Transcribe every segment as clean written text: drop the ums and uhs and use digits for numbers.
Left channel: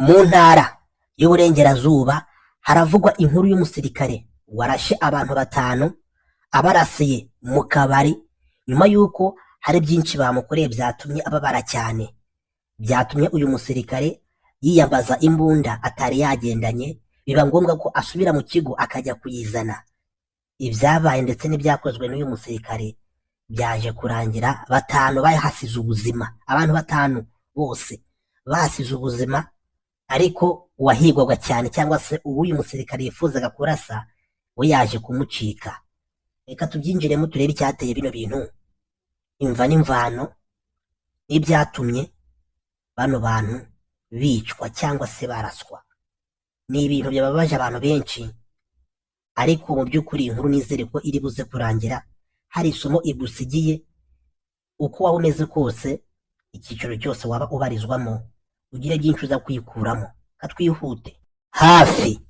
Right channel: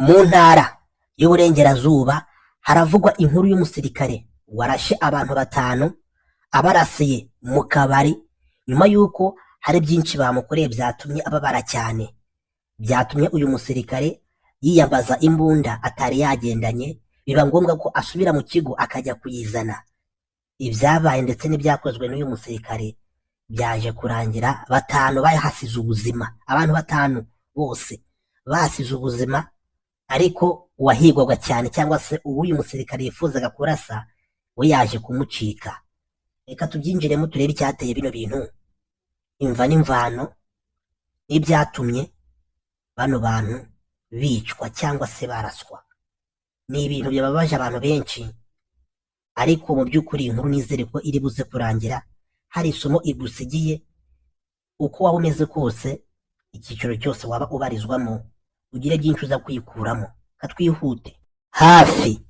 Mu ntara y'Uburengerazuba haravugwa inkuru y'umusirikare warashe abantu 5 abarasiye mu kabari nyuma y'uko hari byinshi bamukoreye byatumye ababara cyane. Byatumye uyu musirikare yiyambaza imbunda atari yagendanye, biba ngombwa ko asubira mu kigo akajya kuyizana. Ibyabaye ndetse n'ibyakozwe n'uyu musirikare byaje kurangira 5 bayahasize ubuzima. Abantu 5 bose bahasize ubuzima, ariko uwahigwaga cyane cyangwa se uyu musirikare yifuzaga kurasa we yaje kumucika. Reka tubyinjiremo turebe icyateye bino bintu, imva n'imvano n'ibyatumye bano bantu bicwa cyangwa se baraswa. Ni ibintu byababaje abantu benshi, ariko mu by'ukuri inkuru nizere ko iri buze kurangira hari isomo igusigiye. Uko waba umeze kose, icyiciro cyose waba ubarizwamo, ugire byinshi uza kwikuramo. Katwihute. Hafi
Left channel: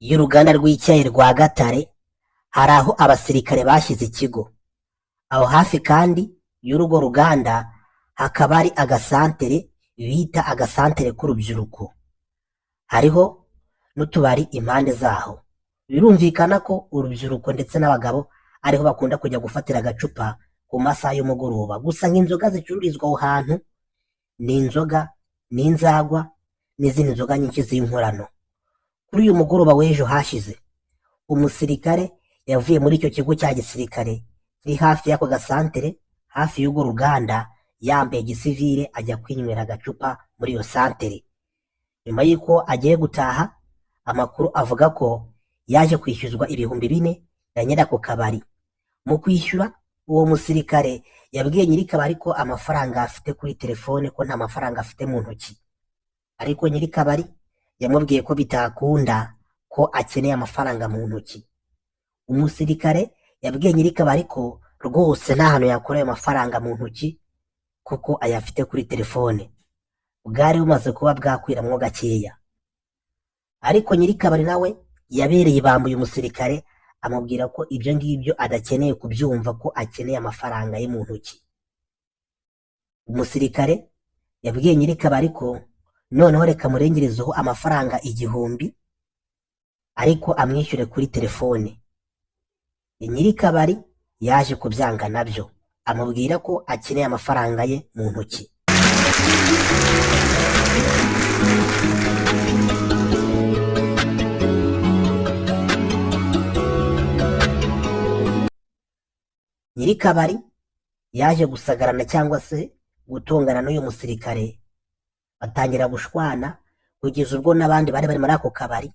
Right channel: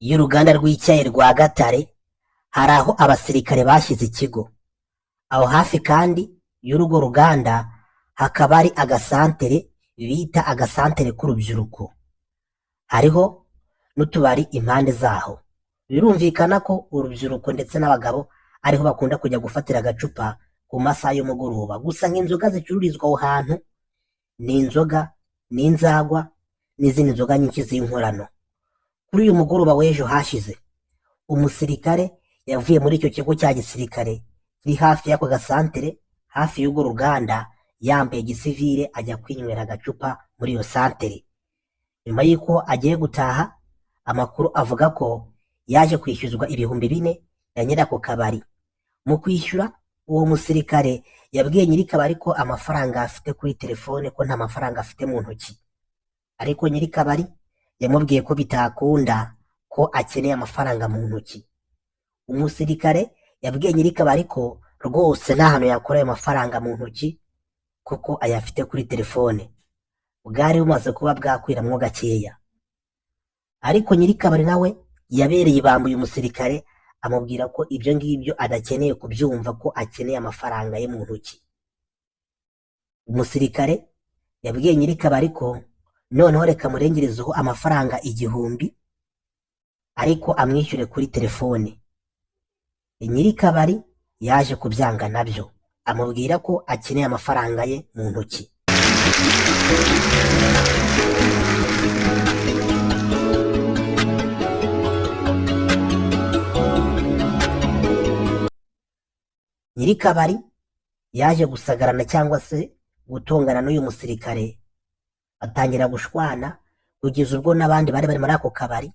y'uruganda rw'icyayi rwa Gatare hari aho abasirikare bashyize ikigo. Aho hafi kandi y'urugo ruganda hakaba ari agasantere bita agasantere k'urubyiruko. Hariho n'utubari impande zaho. Birumvikana ko urubyiruko ndetse n'abagabo ariho bakunda kujya gufatira agacupa ku masaha y'umugoroba. Gusa nk'inzoga zicururizwa aho hantu ni inzoga n'inzagwa n'izindi nzoga nyinshi z'inkorano. Kuri uyu mugoroba w'ejo hashize, umusirikare yavuye muri icyo kigo cya gisirikare kiri hafi y'ako gasantere, hafi y'urwo ruganda, yambaye gisivile ajya kwinywera agacupa muri iyo santere. Nyuma y'uko agiye gutaha, amakuru avuga ko yaje kwishyuzwa 4,000 ya nyirako kabari. Mu kwishyura, uwo musirikare yabwiye nyiri kabari ko amafaranga afite kuri telefone ko nta mafaranga afite mu ntoki, ariko nyiri kabari yamubwiye ko bitakunda, ko akeneye amafaranga mu ntoki. Umusirikare yabwiye nyiri kabari ko rwose nta hantu yakora ayo mafaranga mu ntoki kuko ayafite kuri telefone. Bwari bumaze kuba bwakwiramwo gakeya, ariko nyiri kabari nawe yabereye bambuye umusirikare, amubwira ko ibyo ngibyo adakeneye kubyumva, ko akeneye amafaranga ye mu ntoki. Umusirikare yabwiye nyiri kabari ko noneho reka murengerezeho amafaranga 1,000 ariko amwishyure kuri telefone. Nyiri kabari yaje kubyanga nabyo, amubwira ko akeneye amafaranga ye mu ntoki. Nyiri kabari yaje gusagarana cyangwa se gutongana n'uyu musirikare, batangira gushwana kugeza ubwo n'abandi bari bari muri ako kabari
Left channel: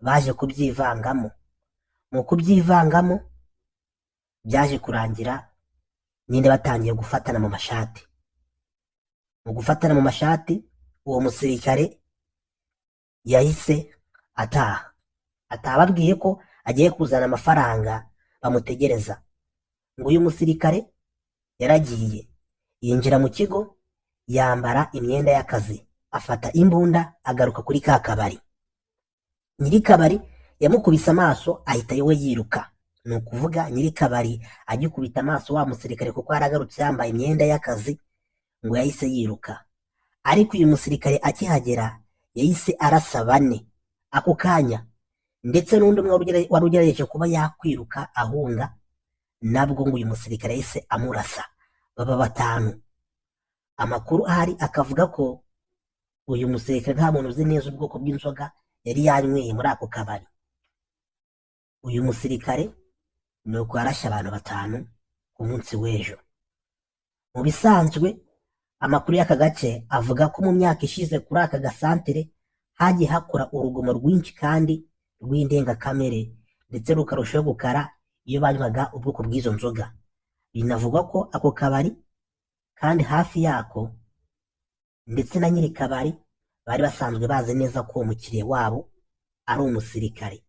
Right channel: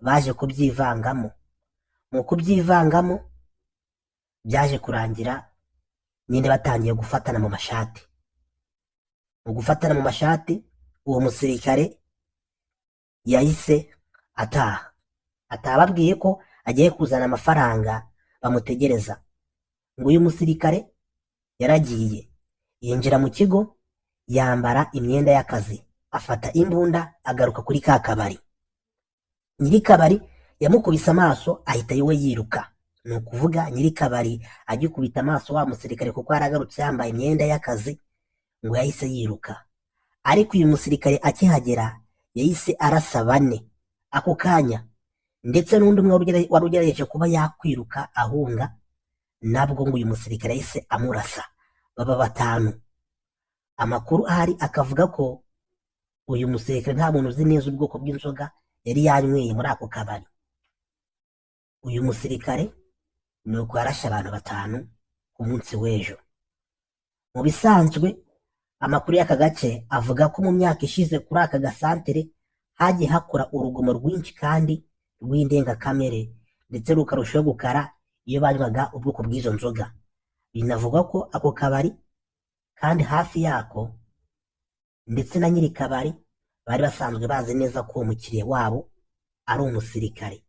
baje kubyivangamo. Mu kubyivangamo byaje kurangira nyine batangiye gufatana mu mashati. Mu gufatana mu mashati, uwo musirikare yahise ataha ababwiye ko agiye kuzana amafaranga bamutegereza. Ngo uyu musirikare yaragiye yinjira mu kigo, yambara imyenda y'akazi, afata imbunda, agaruka kuri ka kabari. Nyiri kabari yamukubise amaso ahita yewe yiruka. Ni ukuvuga nyiri kabari agikubita amaso wa musirikare kuko yaragarutse yambaye imyenda y'akazi, ngo yahise yiruka. Ariko uyu musirikare akihagera yahise arasa 4 ako kanya, ndetse n'undi umwe wari ugerageje kuba yakwiruka ahunga, nabwo ngo uyu musirikare yahise amurasa, baba 5. Amakuru ahari akavuga ko uyu musirikare nta muntu uzi neza ubwoko bw'inzoga yari yanyweye muri ako kabari. Uyu musirikare nuko yarashe abantu 5 ku munsi w'ejo. Mu bisanzwe amakuru y'aka gace avuga ko mu myaka ishize kuri aka gasantere hagiye hakora urugomo rwinshi kandi rw'indengakamere, ndetse rukarushaho gukara iyo banywaga ubwoko bw'izo nzoga. Binavugwa ko ako kabari kandi hafi yako ndetse na nyiri kabari bari basanzwe bazi neza ko umukiriya wabo ari umusirikare,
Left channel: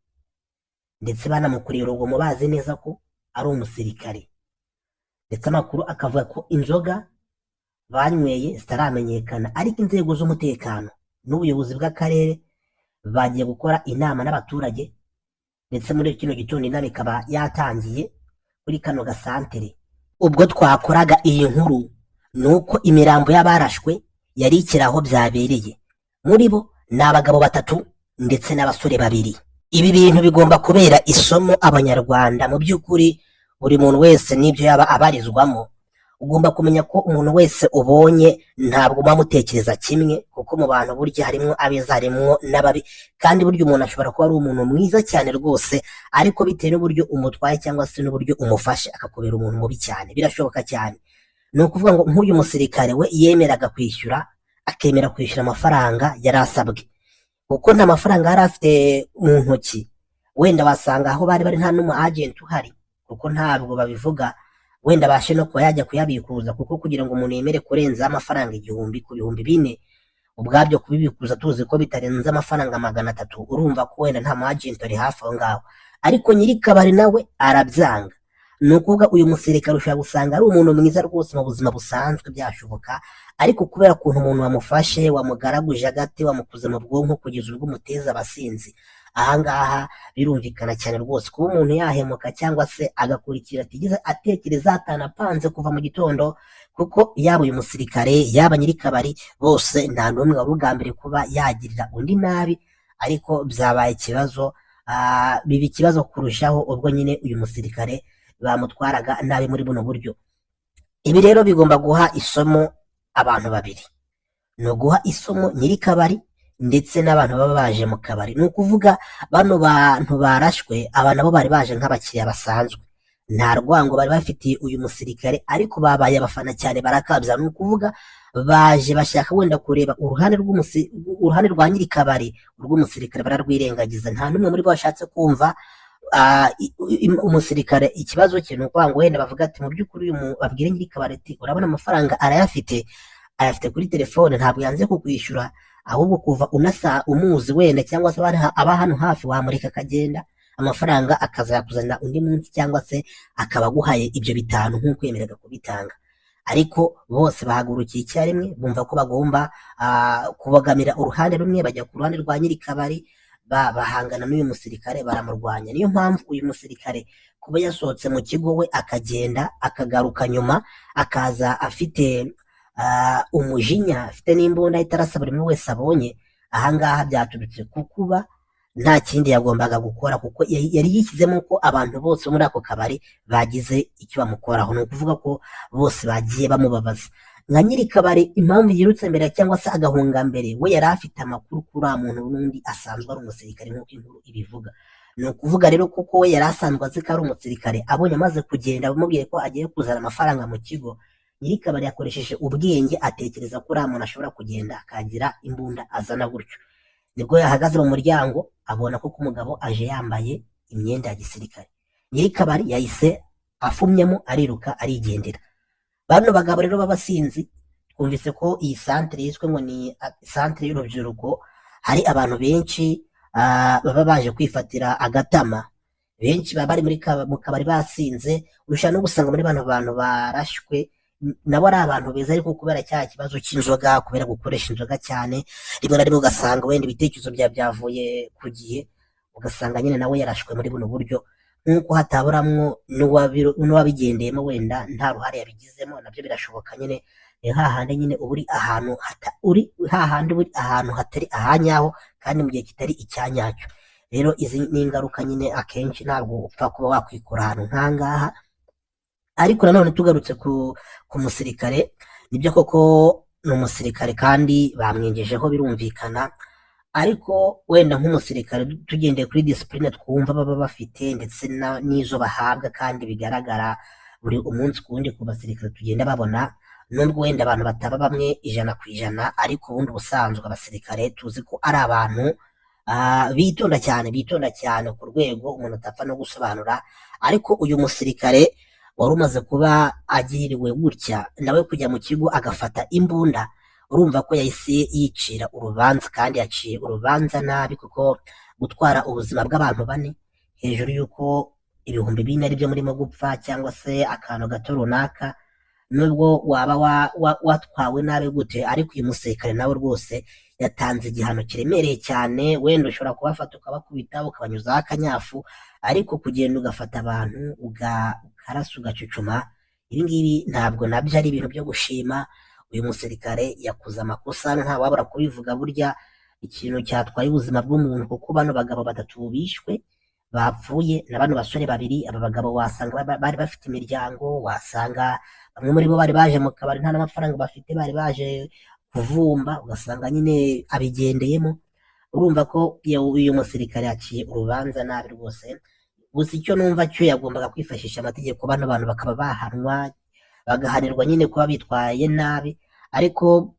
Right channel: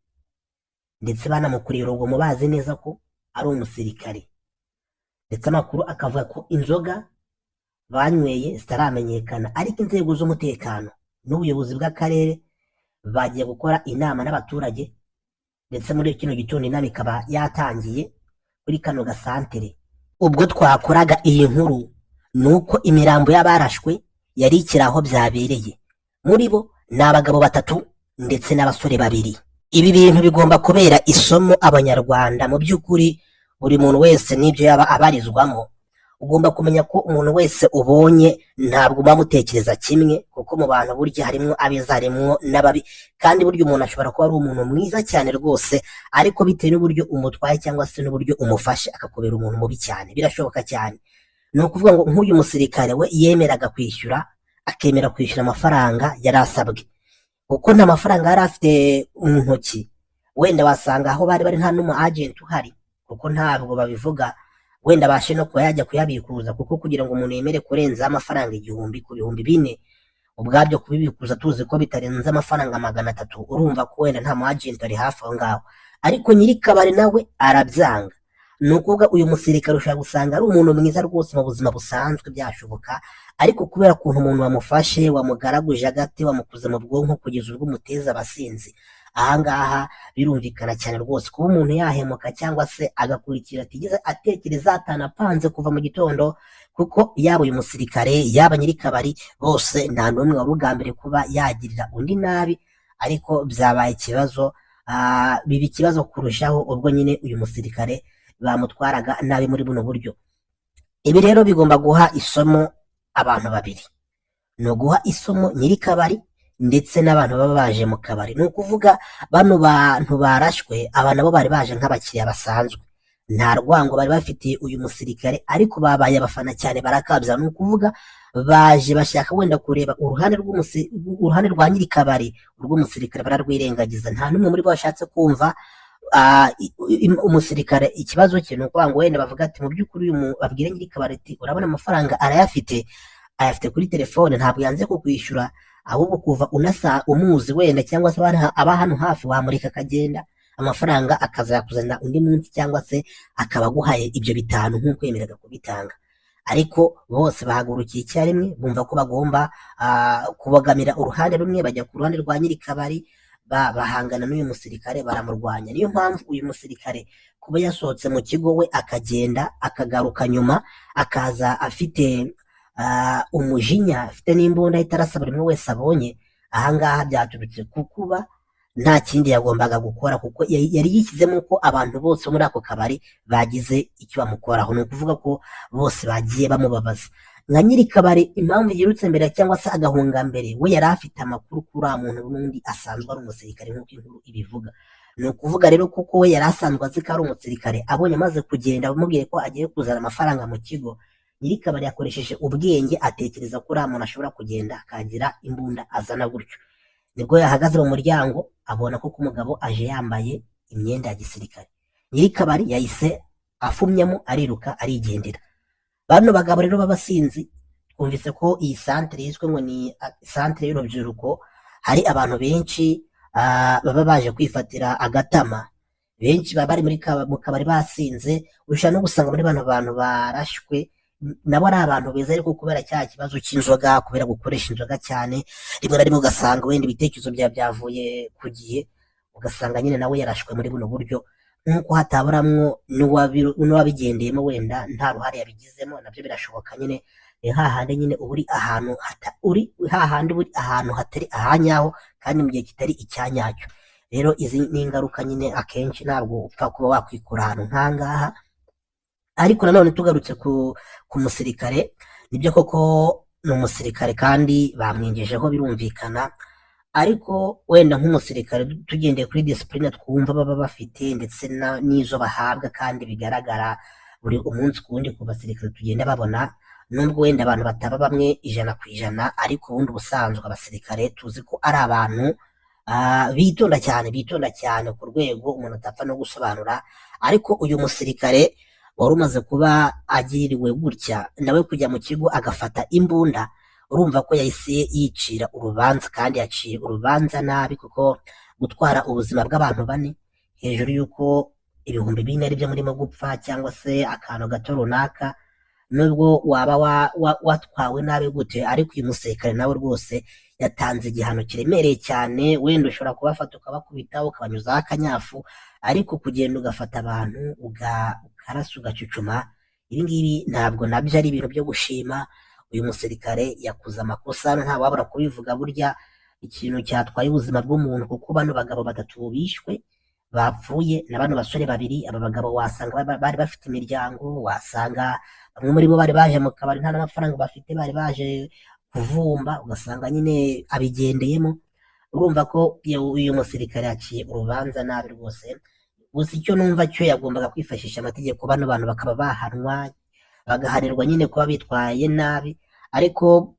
ndetse banamukuriye urugomo bazi neza ko ari umusirikare. Ndetse amakuru akavuga ko inzoga banyweye zitaramenyekana, ariko inzego z'umutekano n'ubuyobozi bw'akarere bagiye gukora inama n'abaturage, ndetse muri kino gitondo inama ikaba yatangiye kuri kano gasantere. Ubwo twakoraga iyi nkuru nuko imirambo y'abarashwe yari ikiri aho byabereye. Muri bo ni abagabo batatu ndetse n'abasore babiri. Ibi bintu bigomba kubera isomo abanyarwanda. Mu by'ukuri buri muntu wese n'ibyo yaba abarizwamo, ugomba kumenya ko umuntu wese ubonye ntabwo muba mutekereza kimwe, kuko mu bantu burya harimo abeza harimo n'ababi, kandi burya umuntu ashobora kuba ari umuntu mwiza cyane rwose, ariko bitewe n'uburyo umutwaye cyangwa se n'uburyo umufashe akakubera umuntu mubi cyane, birashoboka cyane. Ni ukuvuga ngo nk'uyu musirikare we yemeraga kwishyura, akemera kwishyura amafaranga yari asabwe, kuko nta mafaranga yari afite mu ntoki. Wenda wasanga aho bari nta n'umu agenti uhari, kuko ntabwo babivuga, wenda abashe no kuba yajya kuyabikuza, kuko kugira ngo umuntu yemere kurenza amafaranga 1000 ku 4,000 ubwabyo kubibikuza tuzi ko bitarenze amafaranga 300, urumva ko wenda nta mu agenti ari hafi aho ngaho. Ariko nyiri kabari nawe arabyanga. Ni ukuvuga uyu musirikare ushobora gusanga ari umuntu mwiza rwose mu buzima busanzwe byashoboka, ariko kubera ukuntu umuntu wamufashe, wamugaraguje agati, wamukuze mu bwonko kugeza ubwo umuteza abasinzi, ahangaha birumvikana cyane rwose kuba umuntu yahemuka cyangwa se agakurikira atigeze atekereza atanapanze kuva mu gitondo, kuko yaba uyu musirikare yaba nyiri kabari bose nta n'umwe wari ugambiriye kuba yagirira undi nabi, ariko byabaye ikibazo, biba ikibazo kurushaho ubwo nyine uyu musirikare bamutwaraga nabi muri buno buryo. Ibi rero bigomba guha isomo abantu babiri, ni uguha isomo nyiri kabari ndetse n'abantu baba baje mu kabari. Ni ukuvuga bano bantu barashwe, aba nabo bari baje nk'abakiriya basanzwe, nta rwango bari bafitiye uyu musirikare, ariko babaye abafana cyane barakabya. Ni ukuvuga baje bashaka wenda kureba uruhande rwa nyiri kabari, urw'umusirikare bararwirengagiza, nta n'umwe muri bo washatse kumva umusirikare ikibazo cye. Ni ukuvuga ngo wenda bavuga ati mu by'ukuri babwire nyiri kabari ati urabona amafaranga ayafite kuri telefone, ntabwo yanze kukwishyura, ahubwo kuva umuzi wenda cyangwa se aba hano hafi wamurika akagenda, amafaranga akazakuzanira undi munsi, cyangwa se akaba aguhaye ibyo 5 nk'uko yemeraga kubitanga. Ariko bose bahagurukiye icyarimwe, bumva ko bagomba kubogamira uruhande rumwe, bajya ku ruhande rwa nyiri kabari, bahangana n'uyu musirikare baramurwanya. Niyo mpamvu uyu musirikare kuba yasohotse mu kigo we akagenda akagaruka nyuma, akaza afite umujinya, afite n'imbunda itarasa buri umwe wese abonye, ahangaha byaturutse ku kuba nta kindi yagombaga gukora, kuko yari yishyizemo ko abantu bose muri ako kabari bagize icyo bamukoraho. Ni ukuvuga ko bose bagiye bamubabaza. Nka nyiri kabari impamvu yirutse mbere cyangwa se agahunga mbere, we yari afite amakuru kuri muntu n'undi asanzwe ari umusirikare nk'uko inkuru ibivuga. Ni ukuvuga rero kuko we yari asanzwe azi ko ari umusirikare, abonye amaze kugenda bamubwiye ko agiye kuzana amafaranga mu kigo, nyiri kabari yakoresheje ubwenge atekereza ko uriya muntu ashobora kugenda akagira imbunda azana gutyo. Nibwo yahagaze mu muryango abona ko umugabo aje yambaye imyenda ya gisirikare. Nyiri kabari yahise afumyemo ariruka arigendera. Bano bagabo rero b'abasinzi, twumvise ko iyi santere yiswe ngo ni santere y'urubyiruko, hari abantu benshi baba baje kwifatira agatama, benshi baba bari mu kabari basinze. Ushobora no gusanga muri bano bantu barashywe nabo ari abantu beza, ariko kubera cya kibazo cy'inzoga, kubera gukoresha inzoga cyane, rimwe na rimwe ugasanga wenda ibitekerezo byavuye ku gihe, ugasanga nyine nawe yarashwe muri buno buryo, nk'uko hataburamwo n'uwabigendeyemo wenda nta ruhare yabigizemo, nabyo birashoboka. Nyine ni hahandi nyine uri ahantu hatari ahanyaho, kandi mu gihe kitari icyanyacyo. Rero izi ni ingaruka nyine akenshi ntabwo upfa kuba wakwikura ahantu nk'ahangaha. Ariko nanone tugarutse ku musirikare, nibyo koko ni umusirikare kandi bamwinjijeho birumvikana, ariko wenda nk'umusirikare tugendeye kuri disipurine twumva baba bafite ndetse n'izo bahabwa kandi bigaragara buri umunsi ku wundi ku basirikare tugenda babona, nubwo wenda abantu bataba bamwe 100%, ariko ubundi ubusanzwe abasirikare tuzi ko ari abantu bitonda cyane ku rwego umuntu atapfa no gusobanura. Ariko uyu musirikare wari umaze kuba agiriwe gutya, nawe kujya mu kigo agafata imbunda, urumva ko yahise yicira urubanza, kandi yaciye urubanza nabi, kuko gutwara ubuzima bw'abantu 4 hejuru y'uko 2,000 ari byo murimo gupfa, cyangwa se akantu gato runaka, nubwo waba watwawe nabi gute, ariko uyu musirikare nawe rwose yatanze igihano kiremereye cyane. Wenda ushobora kubafata ukabakubita ukabanyuzaho akanyafu, ariko kugenda ugafata abantu ukarasa ugacucuma, ibi ngibi ntabwo nabyo ari ibintu byo gushima. Uyu musirikare yakoze amakosa, nta wabura kubivuga. Burya ikintu cyatwaye ubuzima bw'umuntu, kuko bano bagabo batatu bishwe bapfuye na bano basore babiri. Aba bagabo wasanga bari bafite imiryango, wasanga bamwe muri bo bari baje mu kabari nta n'amafaranga bafite, bari baje kuvumba, ugasanga nyine abigendeyemo. Urumva ko uyu musirikare yaciye urubanza nabi rwose. Gusa icyo numva cyo yagombaga kwifashisha amategeko, bano bantu bakaba bahanwa, bagahanirwa nyine kuba bitwaye nabi, ariko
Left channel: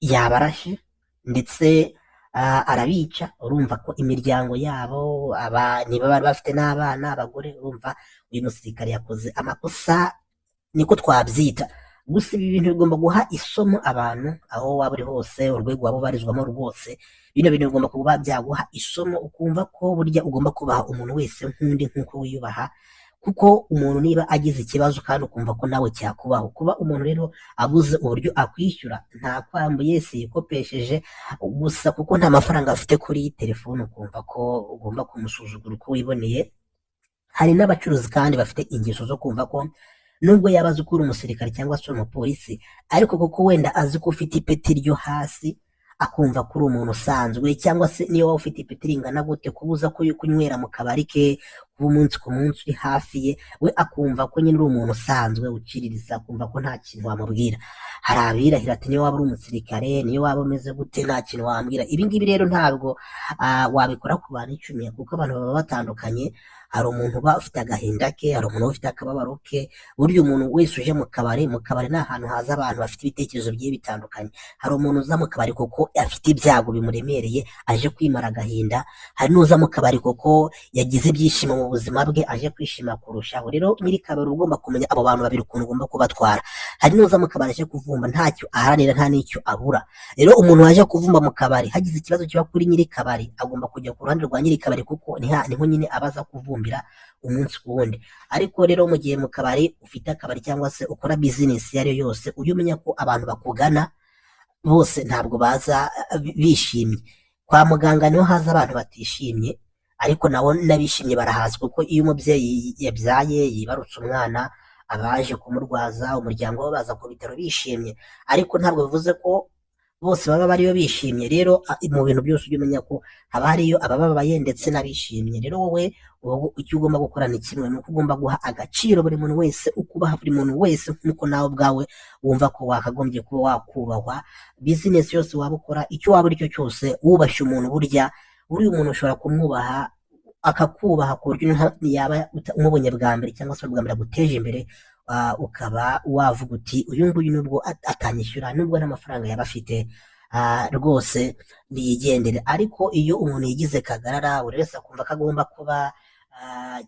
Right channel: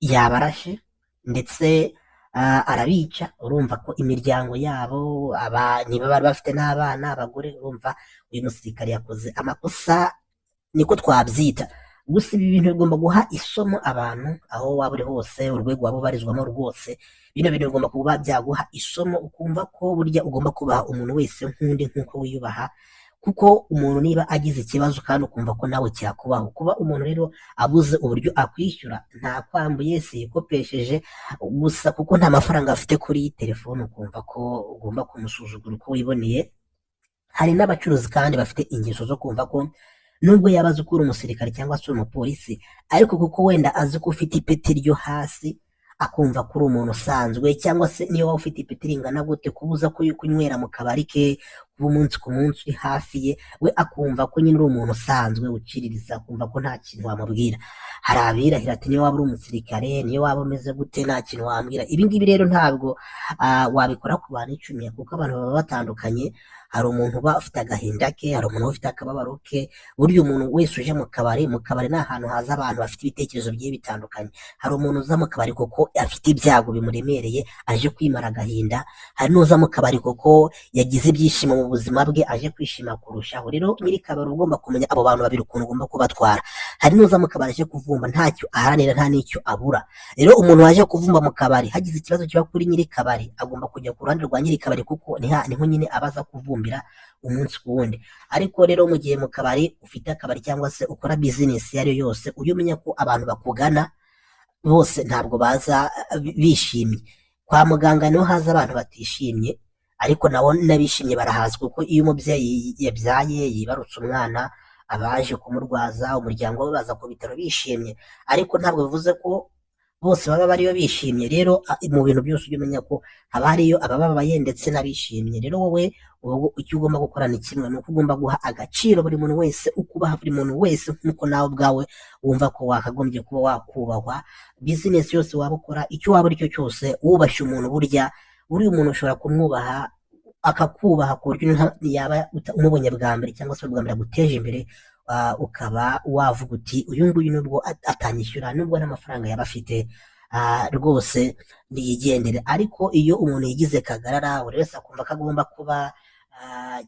yabarashe ndetse arabica. Urumva ko imiryango yabo niba bari bafite n'abana, abagore, urumva uyu musirikare yakoze amakosa, niko twabyita. Gusa ibi bintu bigomba guha isomo abantu aho waba uri hose, urwego waba ubarizwamo rwose. Bino bintu bigomba kuba byaguha isomo, ukumva ko burya ugomba kubaha umuntu wese nk'undi nk'uko wiyubaha, kuko umuntu niba agize ikibazo kandi ukumva ko nawe cyakubaho. Kuba umuntu rero abuze uburyo akwishyura, nta kwambuye se yikopesheje gusa kuko nta mafaranga afite kuri telefone, ukumva ko ugomba kumusuzugura uko wiboneye. Hari n'abacuruzi kandi bafite ingeso zo kumva ko nubwo yaba azi ko uri umusirikare cyangwa se uri umupolisi, ariko kuko wenda azi ko ufite ipeti ryo hasi, akumva ko uri umuntu usanzwe, cyangwa se niyo waba ufite ipeti ringana gute, kubuza ko kunywera mu kabari ke, kuba umunsi ku munsi uri hafi ye, we akumva ko nyine uri umuntu usanzwe uciririza, akumva ko nta kintu wamubwira. Hari abirahira ati niyo waba uri umusirikare, niyo waba umeze gute, nta kintu wambwira. Ibi ngibi rero ntabwo wabikora ku bantu icumi, kuko abantu baba batandukanye. Hari umuntu uba ufite agahinda ke, hari umuntu uba ufite akababaro ke. Burya umuntu wese uje mu kabari ni ahantu haza abantu bafite ibitekerezo bigiye bitandukanye. Hari umuntu uza mu kabari kuko afite ibyago bimuremereye, aje kwimara agahinda. Hari n'uza mu kabari kuko yagize ibyishimo mu buzima bwe, aje kwishima kurushaho. Rero nyiri kabari ugomba kumenya abo bantu babiri ukuntu ugomba kubatwara. Hari n'uza mu kabari aje kuvumba, ntacyo aharanira, nta n'icyo abura. Rero umuntu waje kuvumba mu kabari, hagize ikibazo kiba kuri nyiri kabari, agomba kujya ku ruhande rwa nyiri kabari, kuko niho nyine abaza kuvumba umunsi ku wundi. Ariko rero mu gihe mu kabari ufite akabari cyangwa se ukora bizinesi iyo ari yo yose, ujye umenya ko abantu bakugana bose ntabwo baza bishimye. Kwa muganga niho haza abantu batishimye, ariko nabo n'abishimye barahaza, kuko iyo umubyeyi yabyaye yibarutse umwana, abaje kumurwaza umuryango we baza ku bitaro bishimye, ariko ntabwo bivuze ko bose baba bariyo bishimye. Rero mu bintu byose ujye umenya ko haba hariyo abababaye ndetse n'abishimye. Rero wowe icyo ugomba gukora ni kimwe, ni uko ugomba guha agaciro buri muntu wese, ukubaha buri muntu wese nk'uko nawe ubwawe wumva ko wakagombye kuba wakubahwa. Bizinesi yose waba ukora, icyo waba ari cyo cyose, wubashye umuntu, burya umuntu ushobora kumwubaha akakubaha ku buryo yaba umubonye bwa mbere cyangwa se bwa mbere aguteje imbere, ukaba wavuga uti uyu nguyu nubwo atanyishyura, nubwo n'amafaranga yaba afite, rwose niyigendere. Ariko iyo umuntu yigize kagarara, buri wese akumva ko agomba kuba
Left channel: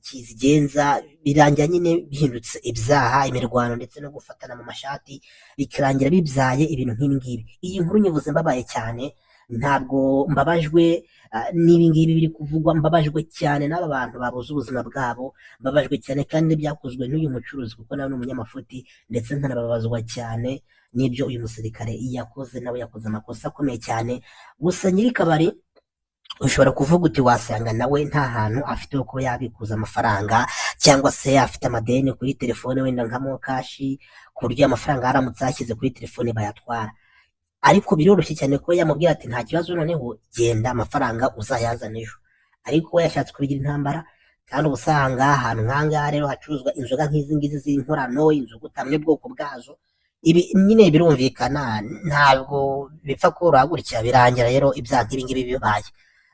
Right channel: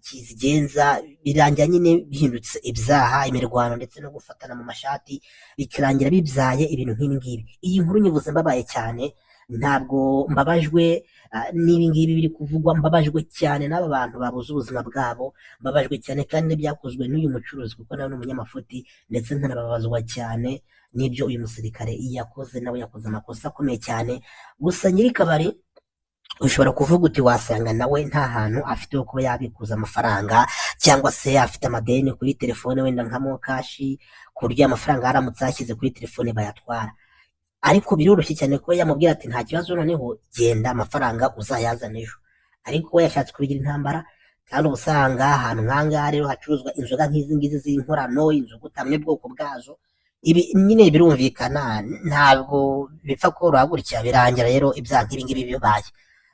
kizigenza, birangira nyine bihindutse ibyaha, imirwano ndetse no gufatana mu mashati, bikarangira bibyaye ibintu nk'ibi ngibi. Iyi nkuru nyivuze mbabaye cyane, ntabwo mbabajwe n'ibi ngibi biri kuvugwa, mbabajwe cyane n'aba bantu babuze ubuzima bwabo, mbabajwe cyane kandi n'ibyakozwe n'uyu mucuruzi, kuko nawe ni umunyamafuti, ndetse nkanababazwa cyane n'ibyo uyu musirikare yakoze. Nawe yakoze amakosa akomeye cyane. Gusa nyiri kabari ushobora kuvuga uti wasanga nawe nta hantu afite ho kuba yabikuza amafaranga, cyangwa se afite amadeni kuri telefone, wenda nka mokashi, ku buryo amafaranga yaramutse yashyize kuri telefone bayatwara. Ariko biroroshye cyane ko yamubwira ati nta kibazo, noneho genda amafaranga uzayazana ejo. Ariko we yashatse kubigira intambara, kandi uba usanga ahantu nk'ahangaha rero hacuruzwa inzoga nk'izi ngizi z'inkorano, inzoga utamenya ubwoko bwazo. Ibi nyine birumvikana, ntabwo bipfa koroha gutya, birangira rero ibyaha nk'ibi ngibi bibaye.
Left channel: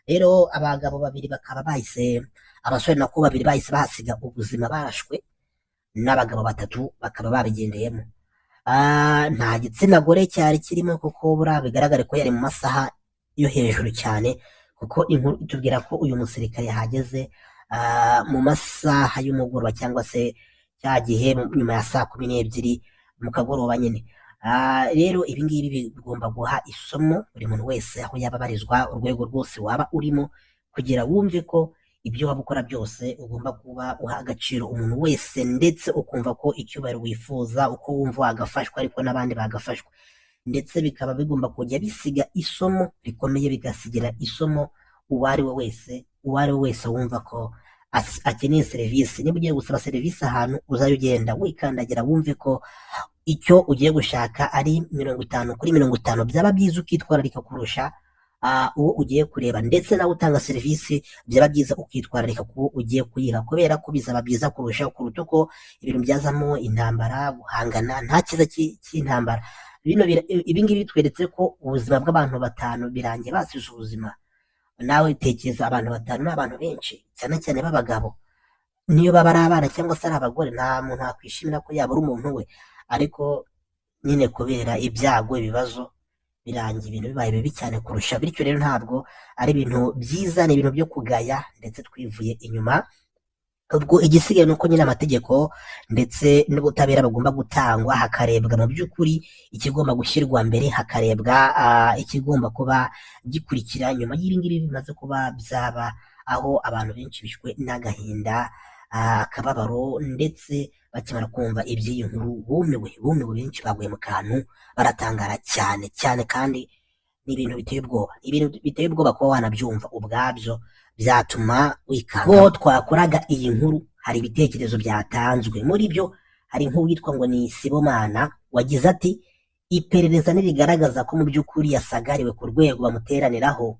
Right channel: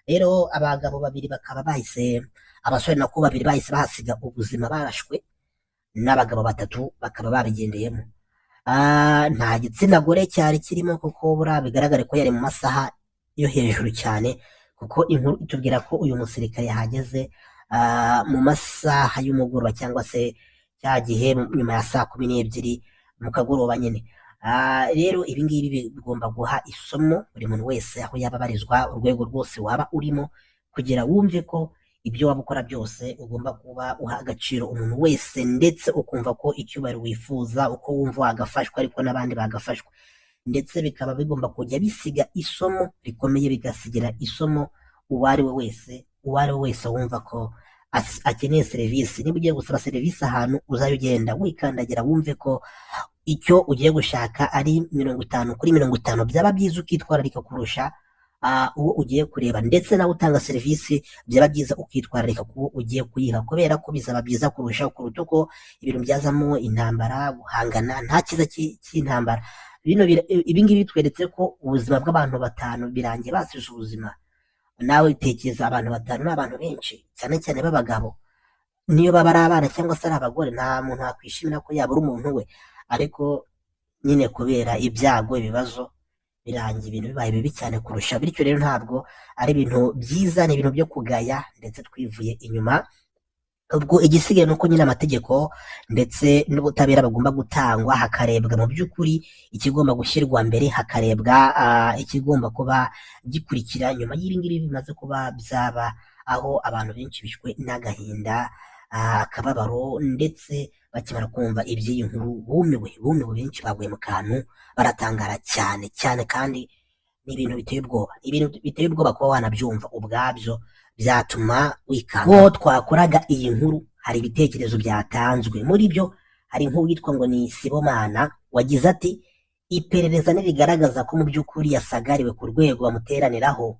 Rero abagabo babiri bakaba bahise, abasore nako babiri bahise bahasiga ubuzima barashwe, n'abagabo batatu bakaba babigendeyemo. Nta gitsina gore cyari kirimo, kuko buriya bigaragare ko yari mu masaha yo hejuru cyane, kuko inkuru itubwira ko uyu musirikare yahageze mu masaha y'umugoroba, cyangwa se cya gihe nyuma ya saa 12 mu kagoroba nyine. Rero ibi ngibi bigomba guha isomo buri muntu wese aho yaba abarizwa, urwego rwose waba urimo, kugira wumve ko ibyo waba ukora byose ugomba kuba uha agaciro umuntu wese, ndetse ukumva ko icyubahiro wifuza, uko wumva wagafashwa ariko n'abandi bagafashwa, ndetse bikaba bigomba kujya bisiga isomo rikomeye, bigasigira isomo uwo ari we wese wumva ko akeneye serivisi. Niba ugiye gusaba serivisi ahantu, uzajya ugenda wikandagira, wumve ko icyo ugiye gushaka ari 50 kuri 50, byaba byiza ukitwararika kurusha uwo ugiye kureba, ndetse nawe utanga serivisi byaba byiza ukitwararika kuwo ugiye kuyiha, kubera ko bizaba byiza kurushaho kuruta uko ibintu byazamo intambara, guhangana. Nta cyiza cy'intambara. Ibi ngibi bitweretse ko ubuzima bw'abantu batanu birangiye basize ubuzima. Nawe tekereza, abantu batanu ni abantu benshi, cyane cyane b'abagabo. Niyo baba ari abana cyangwa se ari abagore, nta muntu wakwishimira ko yabura umuntu we, ariko nyine kubera ibyago, ibibazo, birangiye ibintu bibaye bibi cyane kurusha. Bityo rero ntabwo ari ibintu byiza, ni ibintu byo kugaya, ndetse twivuye inyuma. Ubwo igisigaye ni uko nyine amategeko ndetse n'ubutabera bagomba gutangwa, hakarebwa mu by'ukuri ikigomba gushyirwa mbere, hakarebwa ikigomba kuba gikurikira nyuma y'ibingibi bimaze kuba byaba, aho abantu benshi bishwe n'agahinda, akababaro, ndetse bakimara kumva iby'iyi nkuru bumiwe benshi baguye mu kantu, baratangara cyane cyane, kandi ni ibintu biteye ubwoba. Ibintu biteye ubwoba kuba wanabyumva ubwabyo byatuma wikanga. Ko twakoraga iyi nkuru, hari ibitekerezo byatanzwe. Muri byo hari nk'uwitwa ngo ni Sibomana, wagize ati iperereza nirigaragaza ko mu by'ukuri yasagariwe ku rwego bamuteraniraho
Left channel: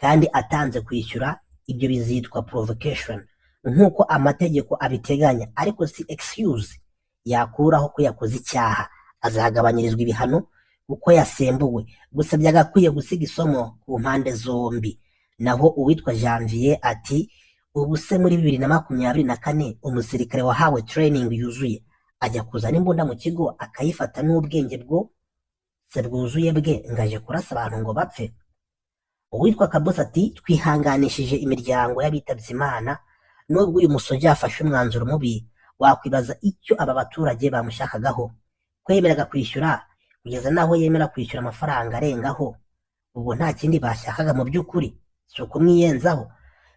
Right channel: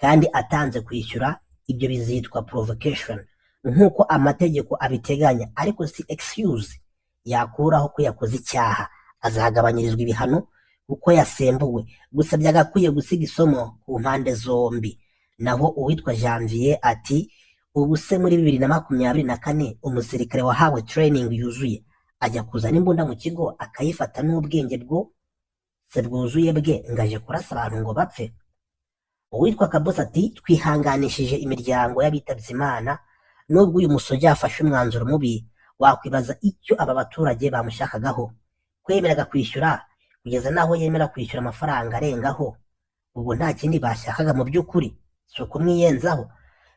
kandi atanze kwishyura, ibyo bizitwa provocation nk'uko amategeko abiteganya, ariko si excuse yakuraho ko yakoze icyaha. Azagabanyirizwa ibihano kuko yasembuwe, gusa byagakwiye gusiga isomo ku mpande zombi. Naho uwitwa Janvier ati ubu se muri 2024 umusirikare wahawe training yuzuye ajya kuzana imbunda mu kigo akayifata n'ubwenge bwo se bwuzuye bwe, ngaje kurasa abantu ngo bapfe? Uwitwa Kabosi ati twihanganishije imiryango y'abitabye Imana, nubwo uyu musoja yafashe umwanzuro mubi, wakwibaza icyo aba baturage bamushakagaho. Kwemeraga kwishyura kugeza naho yemera kwishyura amafaranga arengaho, ubwo nta kindi bashakaga mu by'ukuri, si ukumwiyenzaho.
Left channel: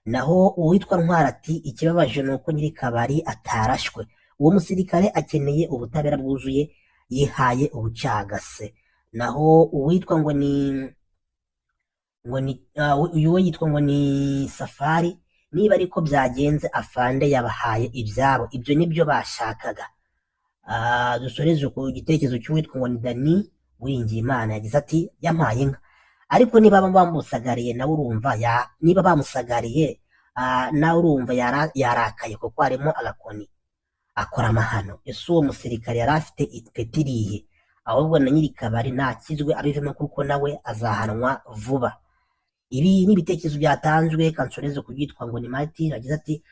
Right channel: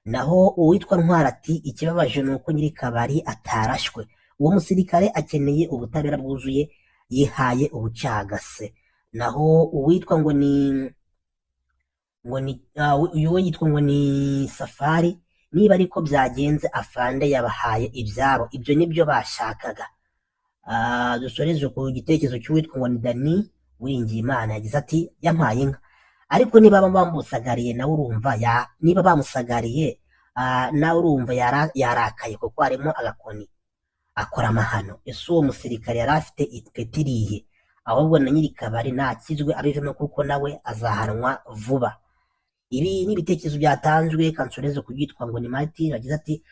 Naho uwitwa Ntwara ati ikibabaje ni uko nyiri kabari atarashwe, uwo musirikare akeneye ubutabera bwuzuye, yihaye ubucagase. Naho uwitwa ngo ni uyu yitwa ngo ni Safari, niba ariko byagenze afande yabahaye ibyabo, ibyo nibyo bashakaga. Dusoreze ku gitekerezo cy'uwitwa ngo ni Dani Uwiringiyimana, yagize ati yampaye inka, ariko niba bamusagariye nawe urumva niba bamusagariye nawe urumva yarakaye, kuko harimo agakoni akora amahano. Ese uwo musirikare yari afite ipeti rihe? Ahubwo na nyiri kabari nakizwe abivemo, kuko nawe azahanwa vuba. Ibi ni ibitekerezo byatanzwe. Kansoreze ku byitwa ngo ni Martin, yagize ati